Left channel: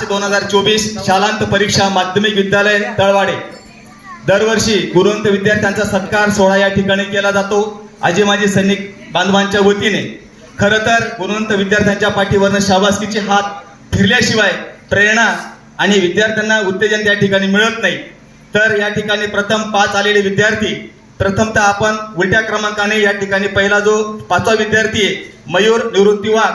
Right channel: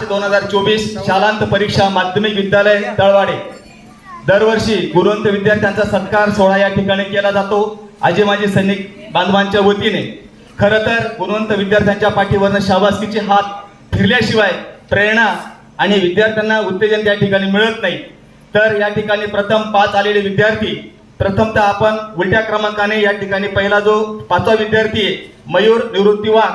मार्च दोन हजार चोवीस शालांत परीक्षा माध्यमिक विद्यालय तळवाडे. दरवर्षी गुरुवंत विद्यार्थ्यांचा सत्कार सोहळा या ठिकाणी केला जातो. आजी माजी सैनिक बांधवांच्या वतीने. खरं तर गुणवंत विद्यार्थ्यांच्या पाठीवरनं शाबासकीचे हात फिरल्याशिवाय प्रेरणा आणि विद्यार्थ्यांना उत्तेजन त्या ठिकाणी मिळत नाही. तर या ठिकाणी प्रथम पाच आलेले विद्यार्थी प्रथमतः आपण उलट्या क्रमांकाने या ठिकाणी पहिला जो पाचवा विद्यार्थी आहे मयूर निवृत्तीवा.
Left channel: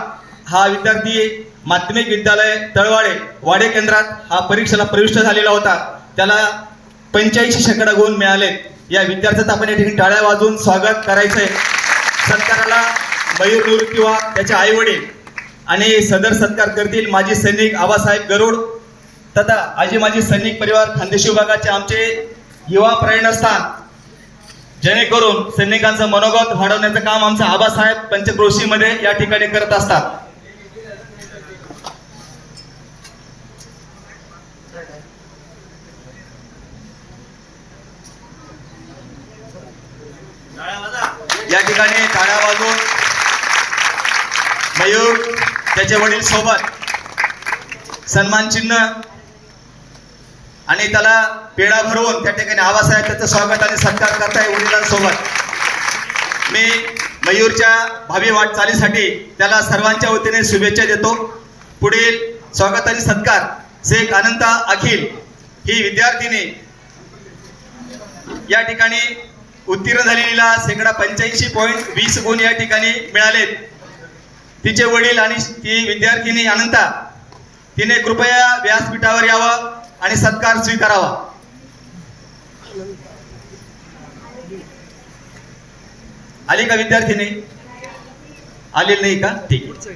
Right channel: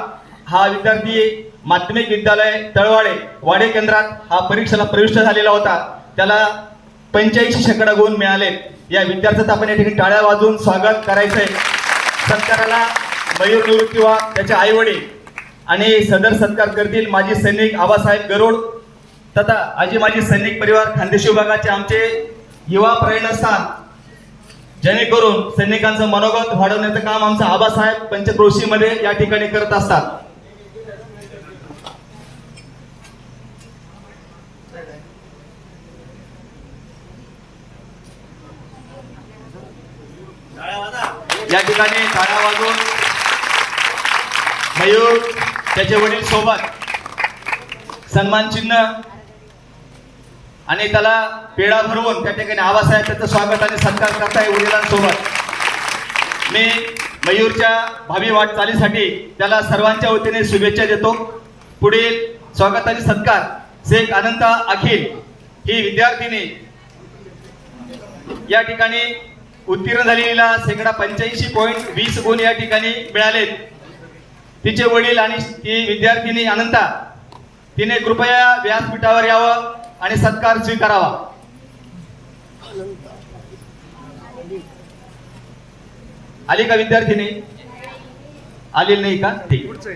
हा विद्यार्थी माध्यमिक विद्यालय तळवाडे वाडे केंद्रात हा परीक्षेला प्रविष्ट झालेला होता. त्याला पंच्याऐंशी शेकडा गुण मिळाले. या विद्यार्थ्याचं आपण या ठिकाणी टाळ्या वाजवून स्वागत करायचं आहे सत्काराला मयूर निवृत्ती त्याचे आई वडील आणि सदर सत्कार करतील माजी सैनिक आबासाहेब गरुड तथा आजी माजी सैनिक परिवार खानदेशी विभागाचे आमचे युवा प्रेरणास्थान जेणेकरून सैनिकांचं मनोगत वाढवण्याचं काम आमचं आबासाहेब पंचक्रोशीमध्ये या ठिकाणी करत असतात. या ठिकाणी टाळ्या वाजून मयूर त्याचे वडील सोबत सन्मान चिन्ह आणि त्याला पेढा भरवून त्या ठिकाणी आबासाहेब त्याचं स्वागत आणि सत्कार करताय वडिलांसोबत. मी मयूरच्या भावी वाटचालीसाठी त्याला सर्वांच्या वतीने शुभेच्छा देतो. पुढील स्वागत आणि सत्कार शेख अनंत अखिल ही विद्यार्थिनी या ठिकाणी उत्तीर्ण झालेला शेकडा पंच्याऐंशी पॉईंट वीस गुण या ठिकाणी मिळालेत. तिचे वडील आणि ती विद्यार्थिनी अनंता तिने कृपया व्यासपीठावर यावं आणि सत्कार स्वीकारावा. आली का विद्यार्थिनी? आलेली नाही का? ठीक आहे.